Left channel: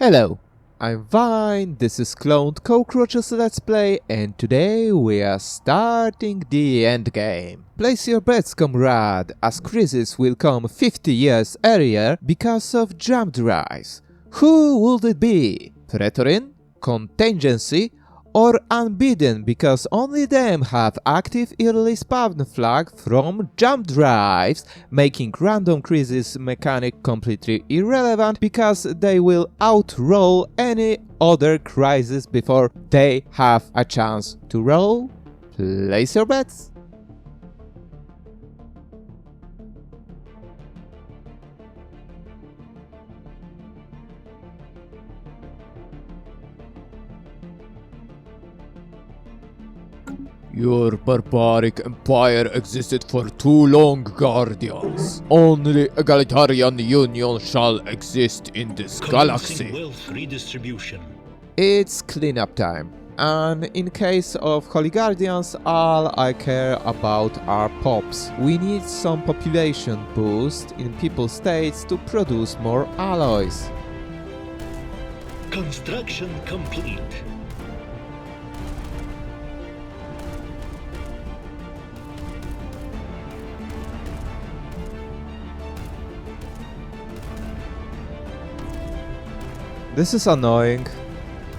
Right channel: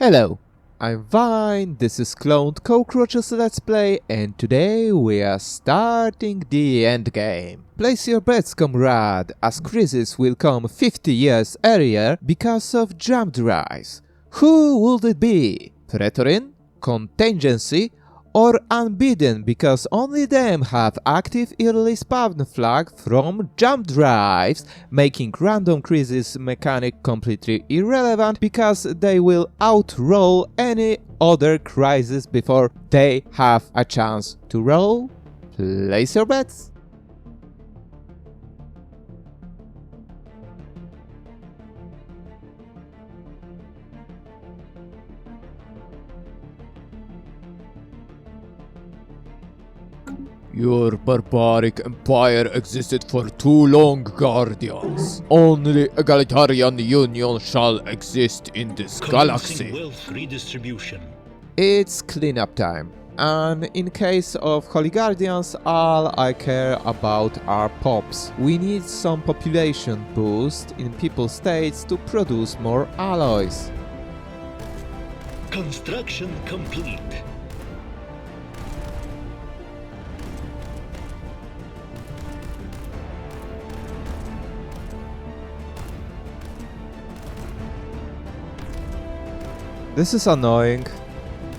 Hello, I'm Vine, this is Cloned Cockroaches Let's Play, and today we are starting the endgame. Place your bets, comrade, as Crisis will come 50 years earlier because of jump drives. Who would it be? Praetorin? Contingency? Or Unbidden, because only them have active early spawn flag from jump drives, making random crisis mechanic completely irrelevant because they will outroll any other crisis before they have a chance to roll? Place your bets. Your barbaric empire existed for too long, Guardians. Only egalitarian union shall exist in this Commencing galaxy. wealth redistribution. It's cleanup time. And in case of Holy Guardians, all I care about are pops. We need some population boost in people states to produce more alloys. Construction complete. This is annoying.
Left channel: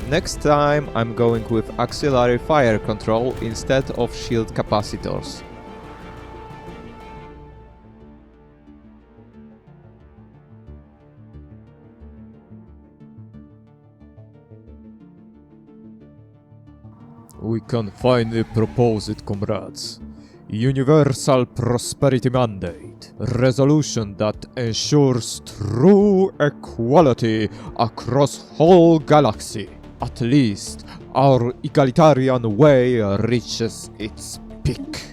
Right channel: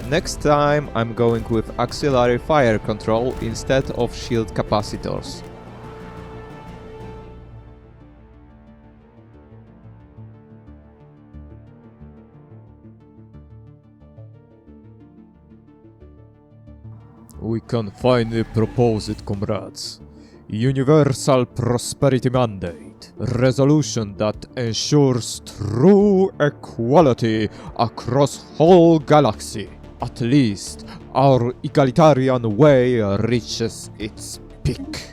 Next time I'm going with auxiliary fire control instead of shield capacitors. We can finally propose it, comrades. Universal Prosperity Mandate. Resolution that ensures true equality across whole galaxy. At least, our egalitarian way reaches its peak.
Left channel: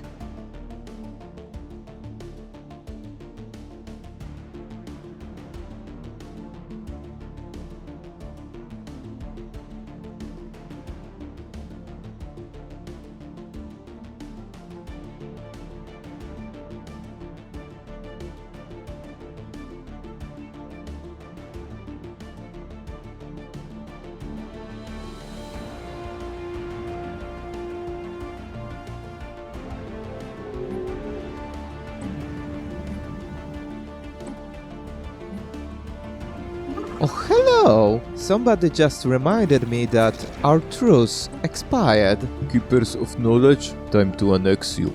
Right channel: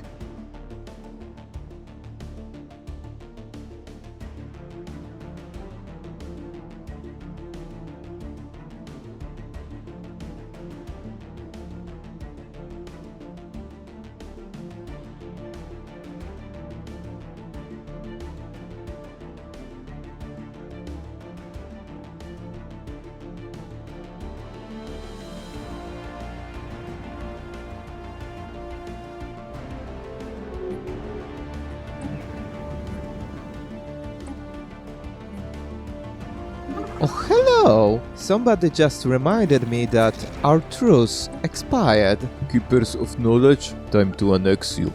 Oh hello! Somebody just reminded me that our truce expired. Keepers of knowledge, time to annex you.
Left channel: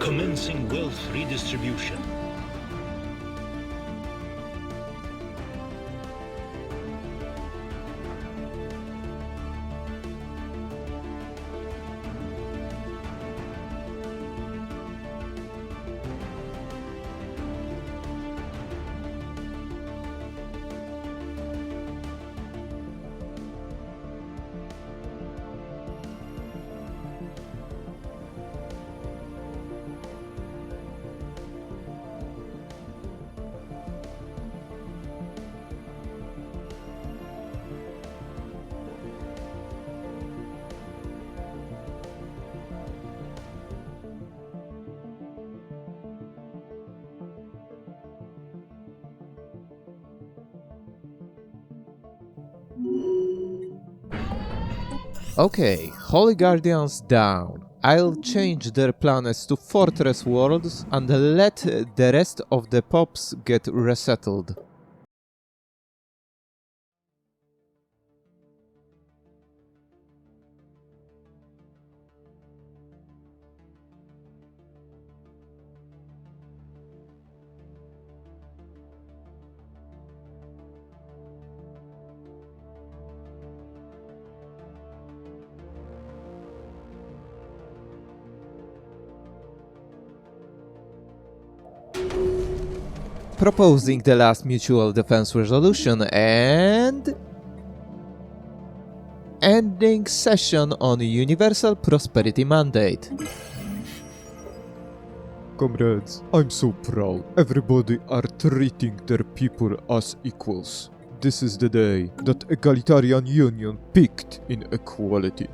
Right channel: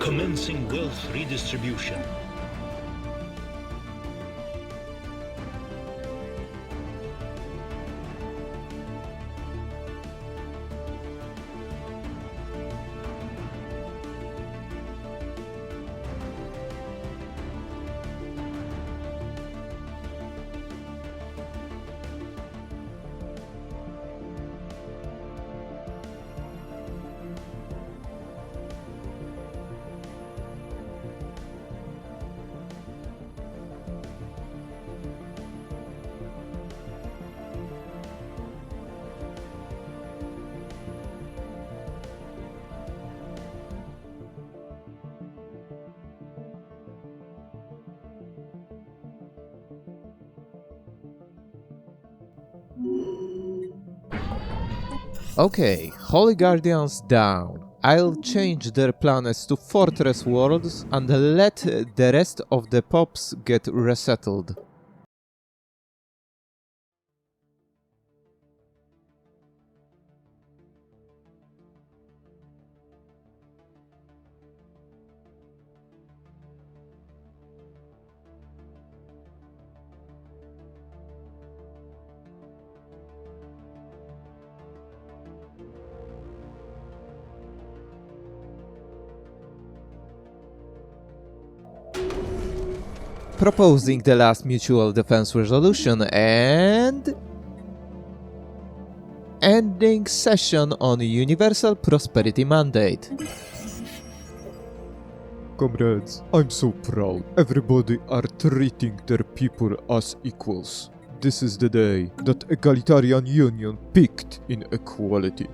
Commencing wealth redistribution. Okay, Holy Guardians down. I'll change their planets to fortress worlds and let the rest of the pops get resettled. Proposing the last mutual defense resolution and ending session on Universal Prosperity Mandate. Comrades, I'm so proud. Everybody are treating their people as equals. This is the day that egalitarian union peaked in equality.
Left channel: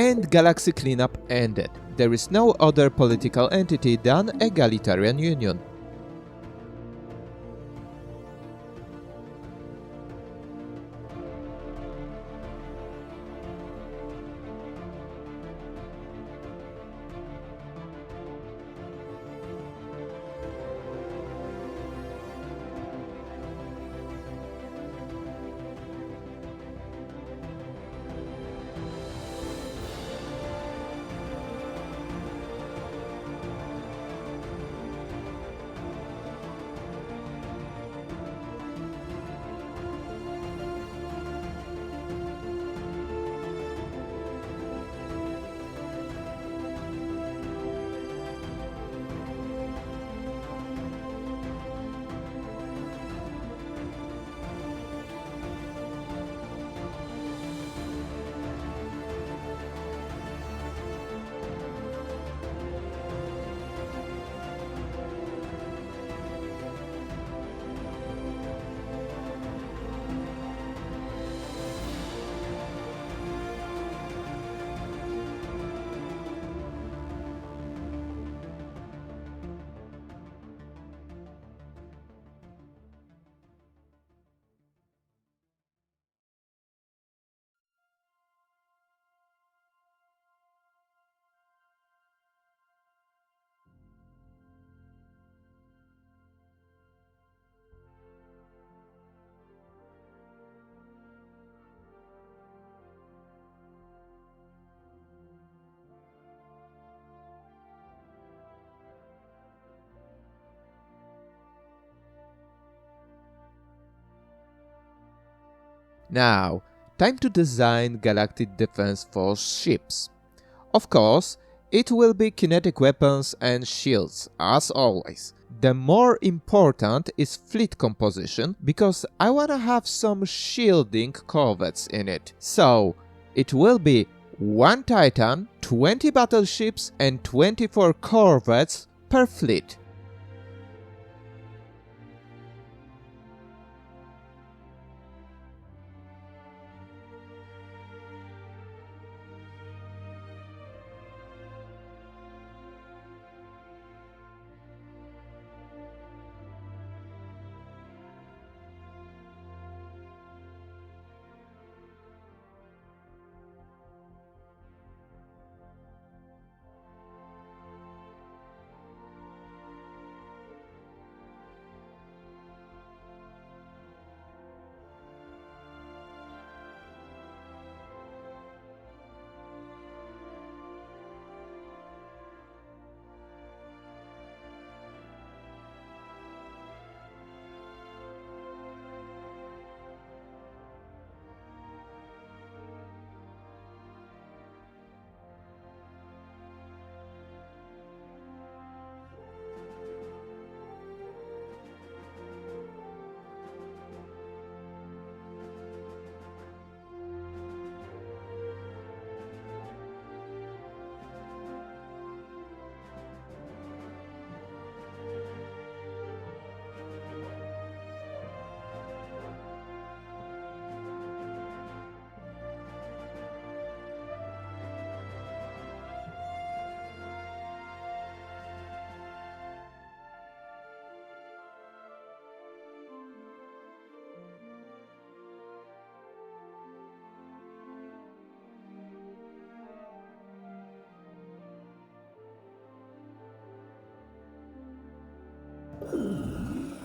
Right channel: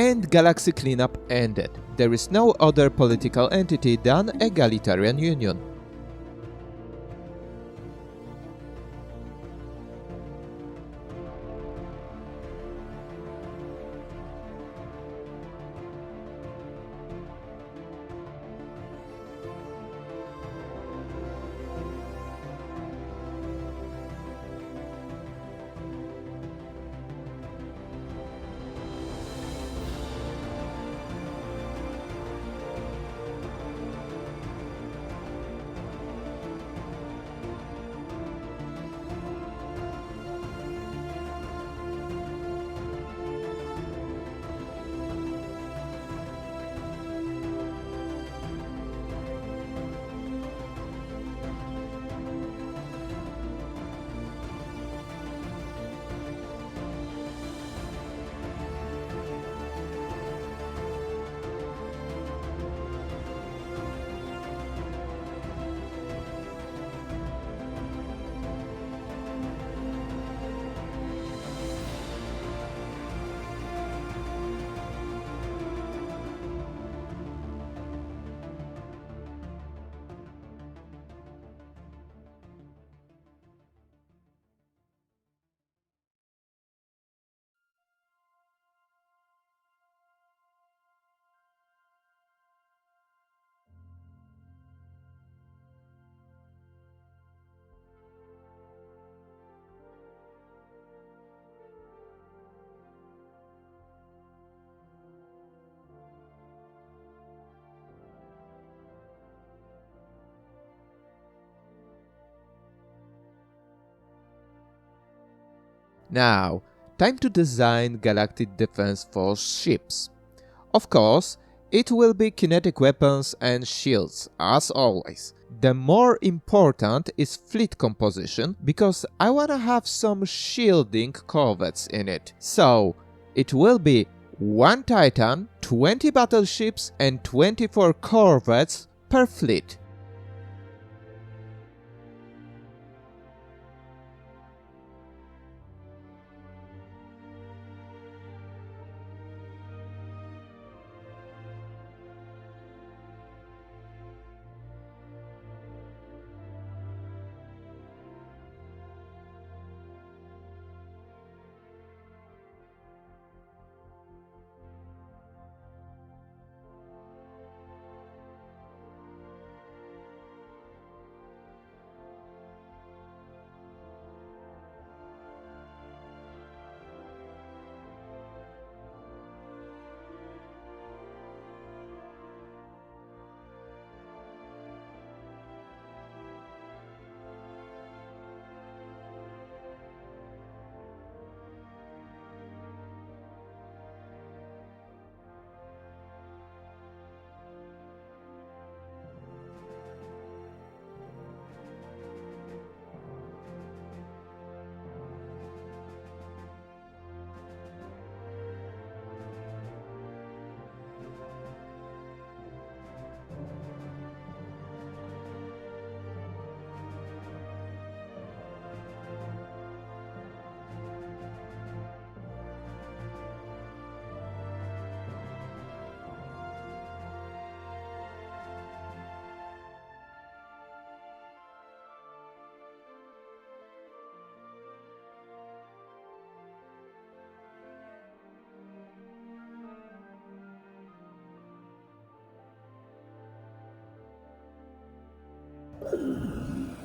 and galaxy cleanup ended. There is no other political entity than Egalitarian Union. Now, time to design Galactic Defense Force ships. Of course, it will be kinetic weapons and shields, as always. The more important is fleet composition, because I wanna have some shielding corvettes in it. So, it will be 1 Titan, 20 battleships and 24 corvettes per fleet.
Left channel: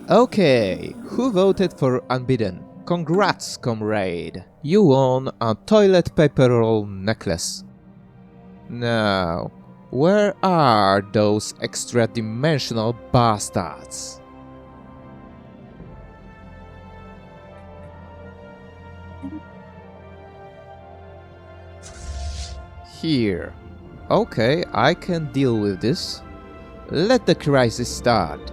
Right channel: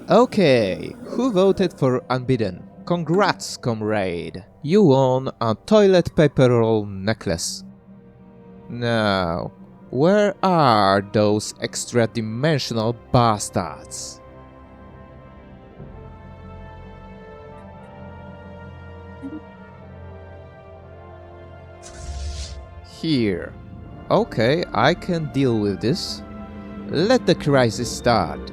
Okay, who voted for Unbidden? Congrats, comrade! You won a toilet paper roll necklace. Now, where are those extra-dimensional bastards? Here. Okay, I can deal with this. Let the crisis start.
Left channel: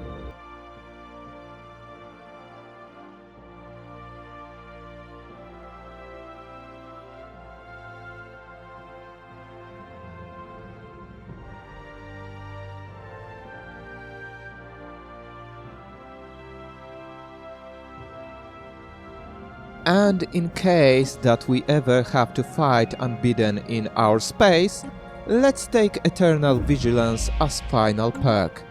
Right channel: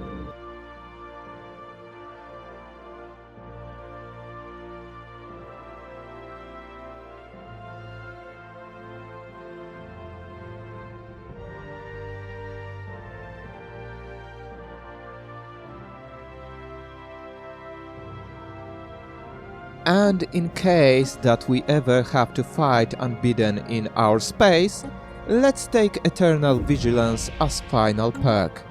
And in case that we ever have to fight Unbidden in our space, let's take Eternal Vigilance as final perk.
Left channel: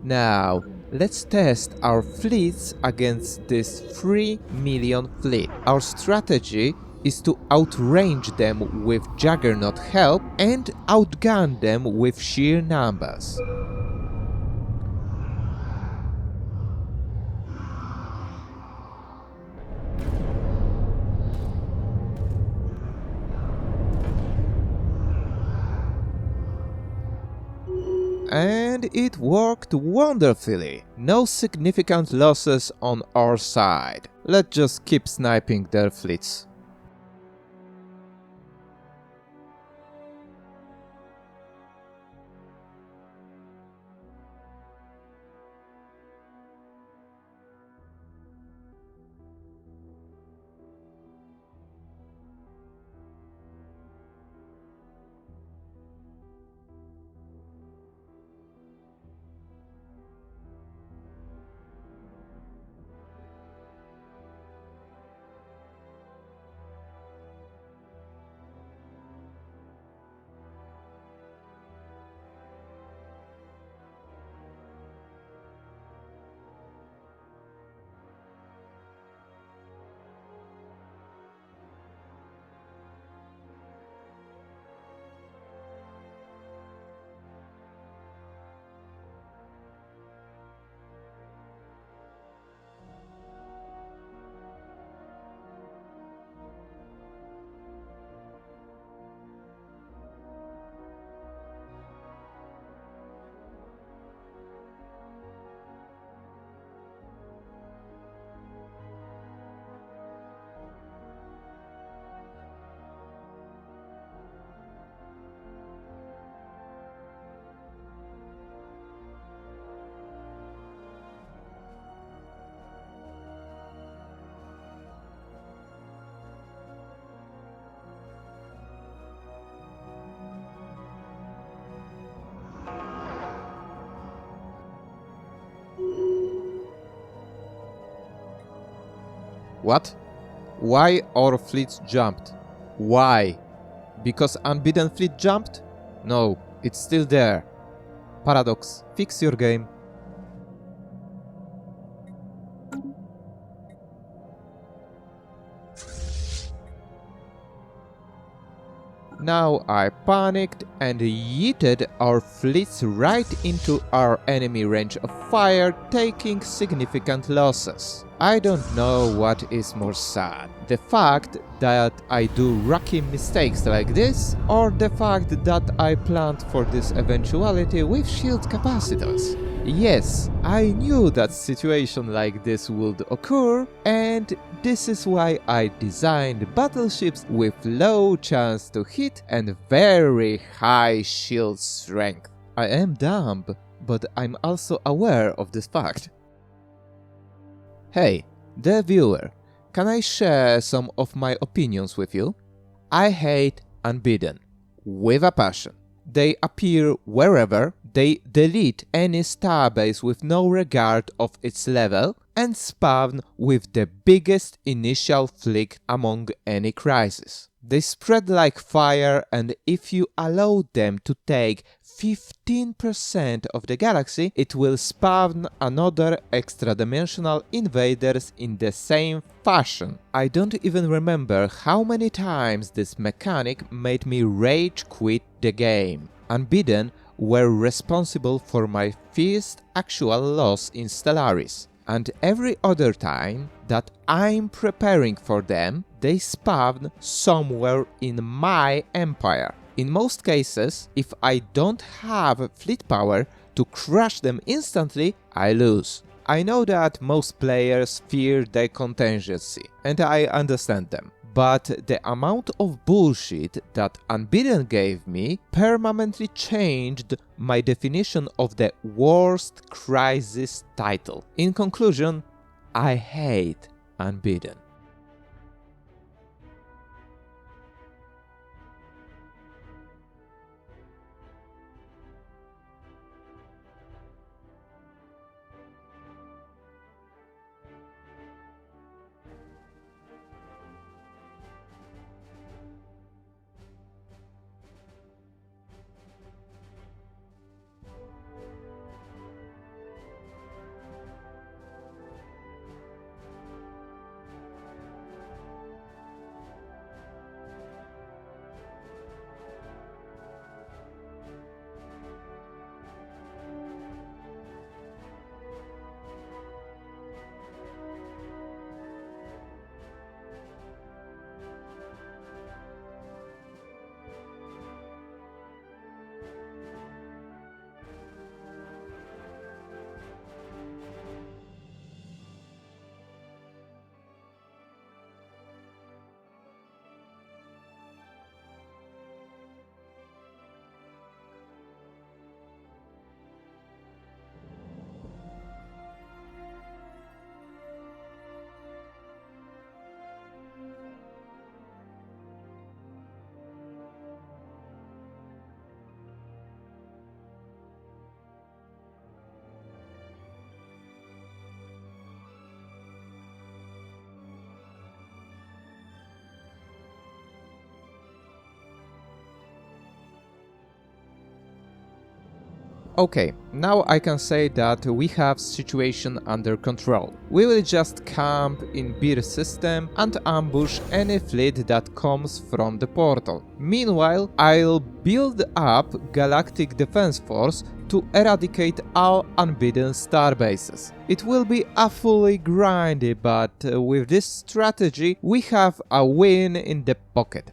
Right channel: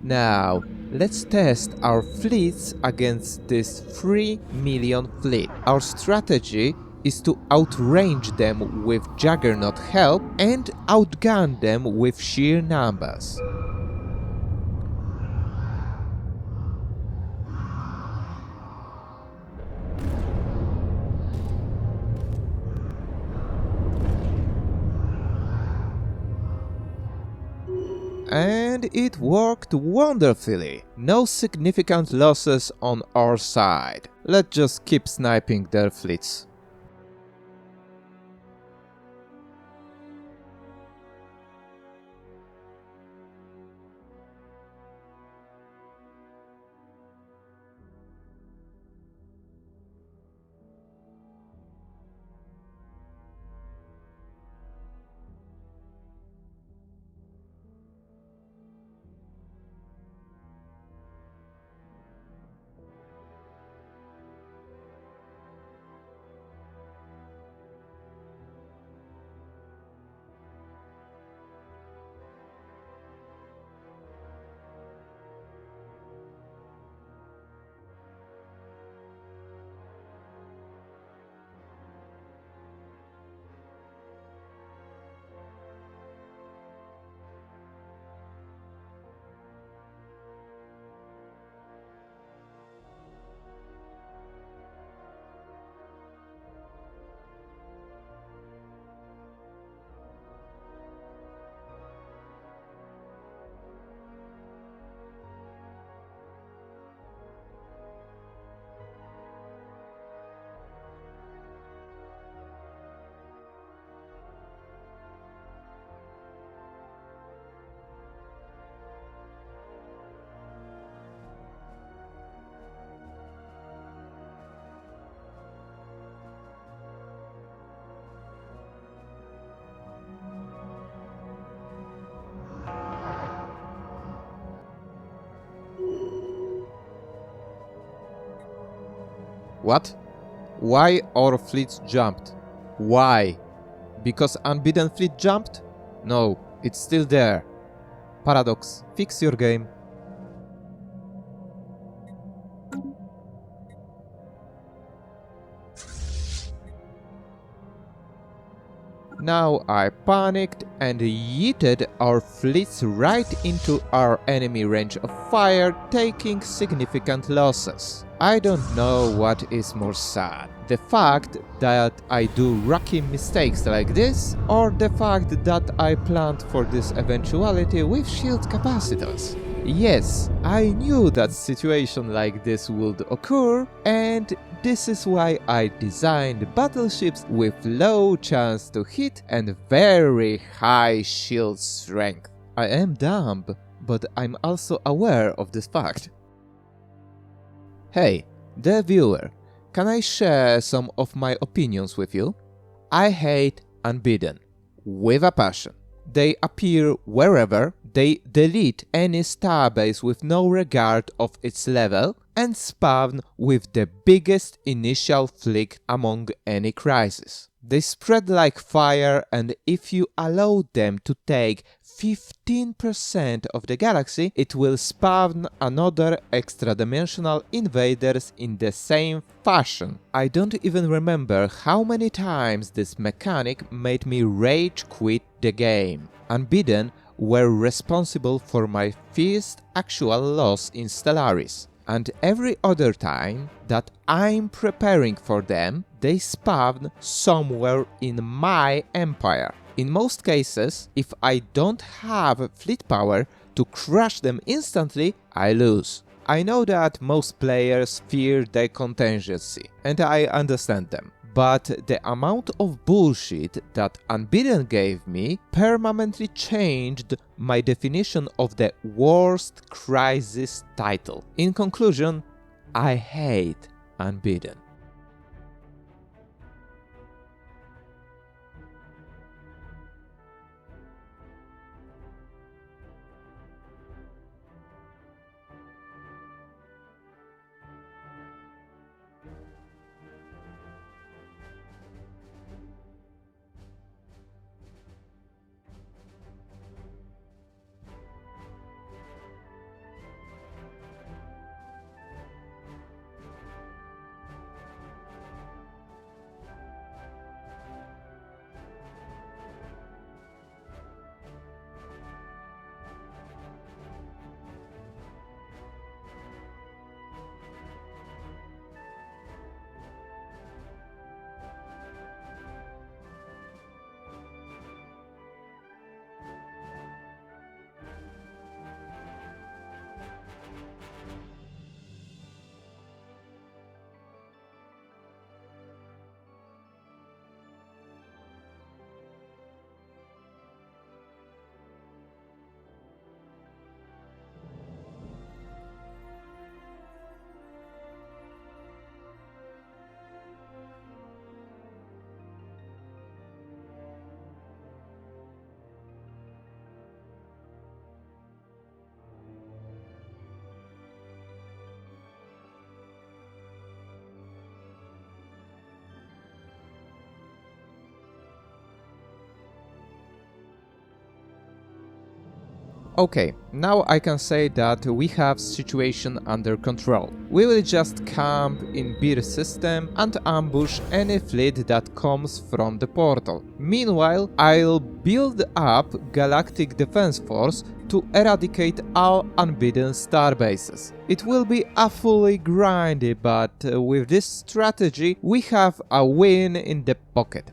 Now, let's test our fleets against this 3 million fleet. Our strategy is to outrange them with Juggernaut help and outgun them with sheer numbers. And it worked wonderfully. No significant losses on our side. Let's just keep sniping their fleets. What? Why our fleets jumped? Why? Because Unbidden fleet jumped? No, it's still there. Paradox, fix your game. Now I panicked and yeeted our fleets right into our enemy range of fire, taking significant losses. I don't know what is more sad, the fact that I do rookie mistakes like this, or the fact that I planned for this eventuality with shield capacitors. Yes, I knew that situation like this would occur, and this is why I designed battleships with low chance to hit and very high shield strength. I am dumb, but I'm also aware of this fact. Hey, dear viewer, can I share some of my opinions with you? I hate Unbidden, with a passion. They appear wherever, they delete any starbase with no regard of its level, and spawn with the biggest initial flick among any crisis. They spread like fire, and if you allow them to take 15% of the galaxy, it will spawn another extra-dimensional invaders in the same fashion. I don't even remember how many times this mechanic made me rage quit the game. Unbidden were responsible for my first actual loss in Stellaris, and every other time that I'm preparing for them, they spawn somewhere in my empire. In most cases, if I don't have fleet power to crush them instantly, I lose. I know that most players fear their contingency, and I understand them. But the amount of bullshit that Unbeaten gave me permanently changed my definition of the worst crisis title. In conclusion, I hate Unbeaten. Okay, now I can say that we have situation under control. We will just camp in Beer system and ambush any fleet that comes from the portal. Meanwhile, I'll build up Galactic Defense Force to eradicate all Unbeaten starbases. It will be awfully grindy, but with this strategy we have a win in the pocket.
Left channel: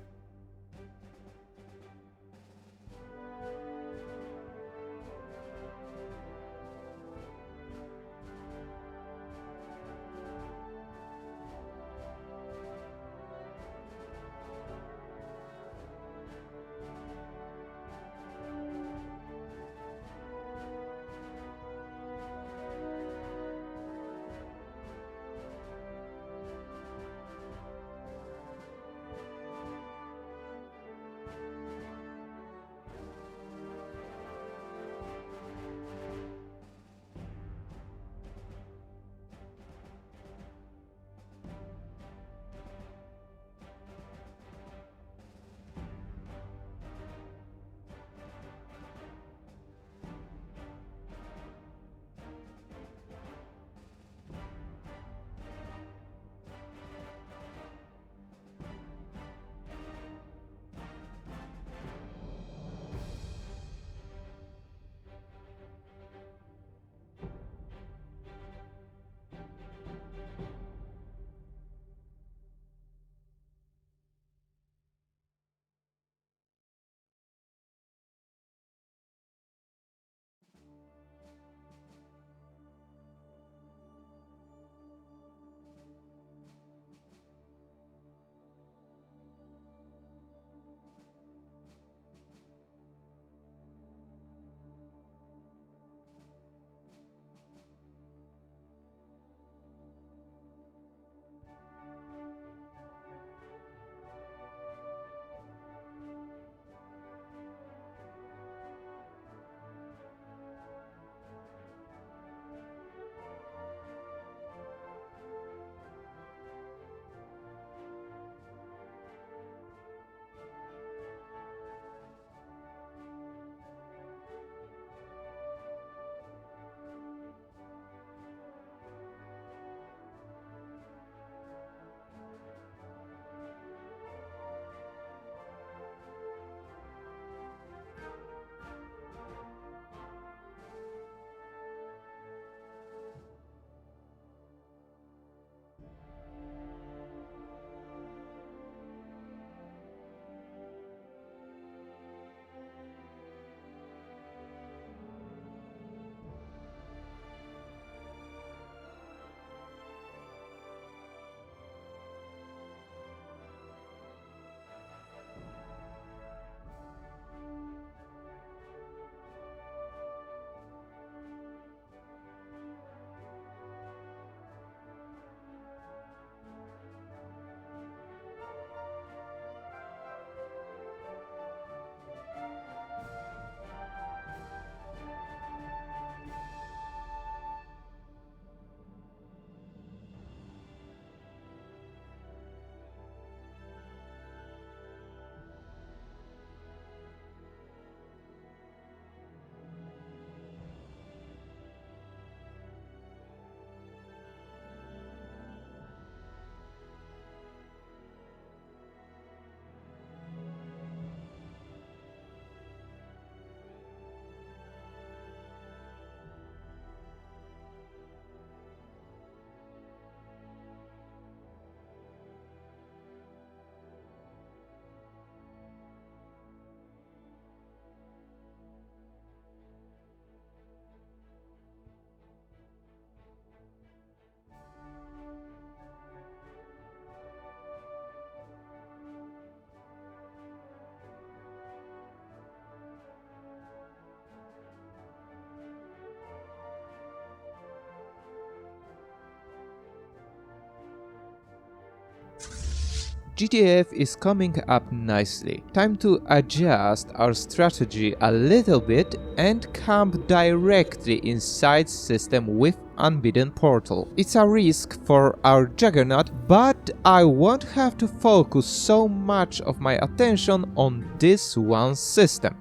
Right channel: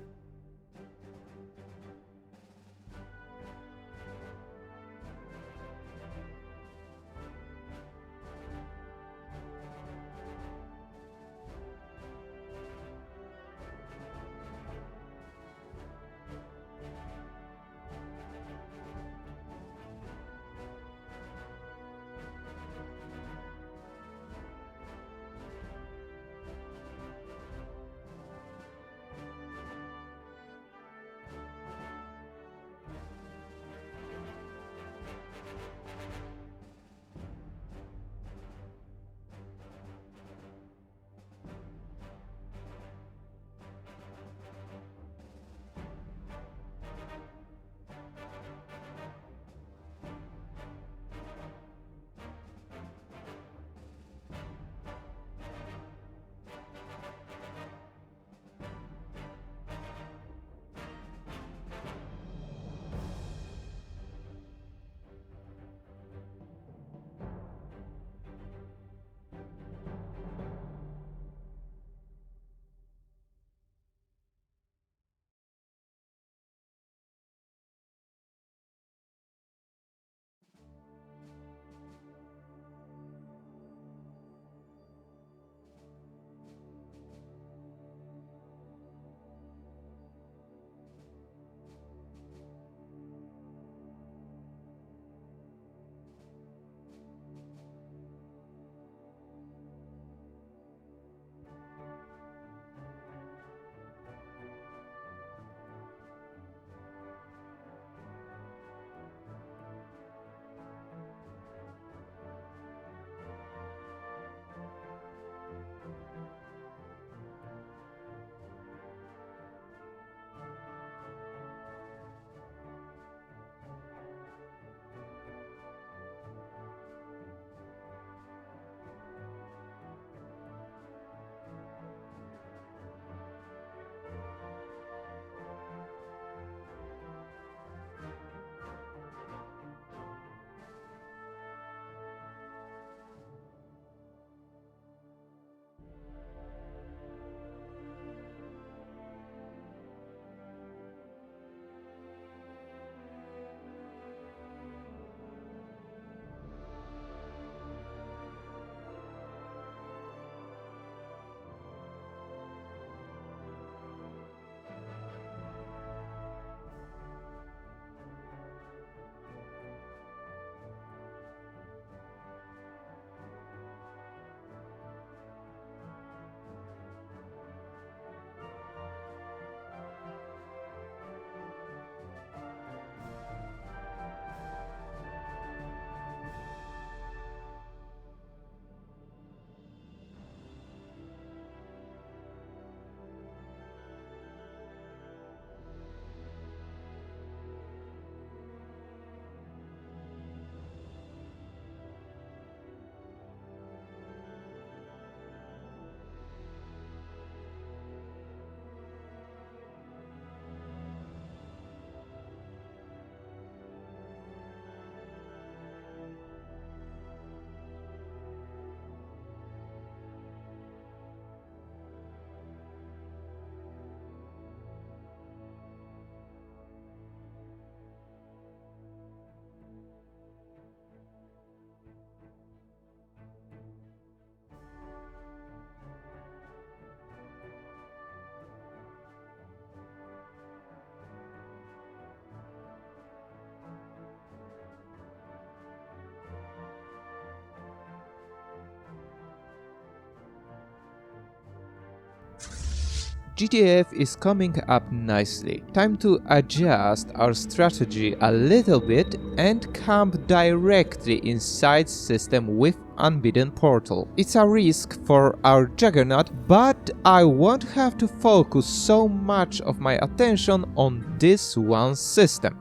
GTF is coming up nicely. Time to adjust our strategy a little bit and camp directly inside system with Unbidden Portal. It's a risk for our Juggernaut, but I won't have to focus so much of my attention on this one system.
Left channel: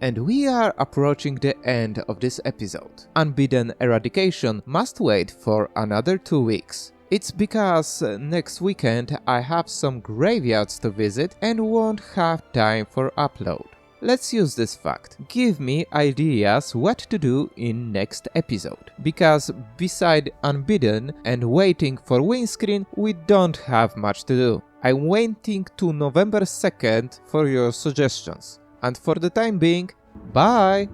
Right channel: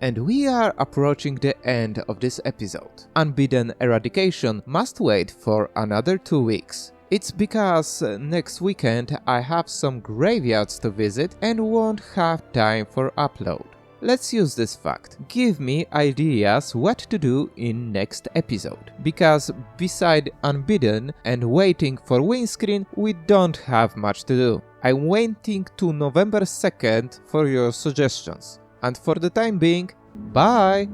And we are approaching the end of this episode. Unbidden Eradication must wait for another 2 weeks. It's because next weekend I have some graveyards to visit and won't have time for upload. Let's use this fact. Give me ideas what to do in next episode. Because beside Unbidden and waiting for Windscreen, we don't have much to do. I'm waiting to November 2nd for your suggestions. And for the time being, bye!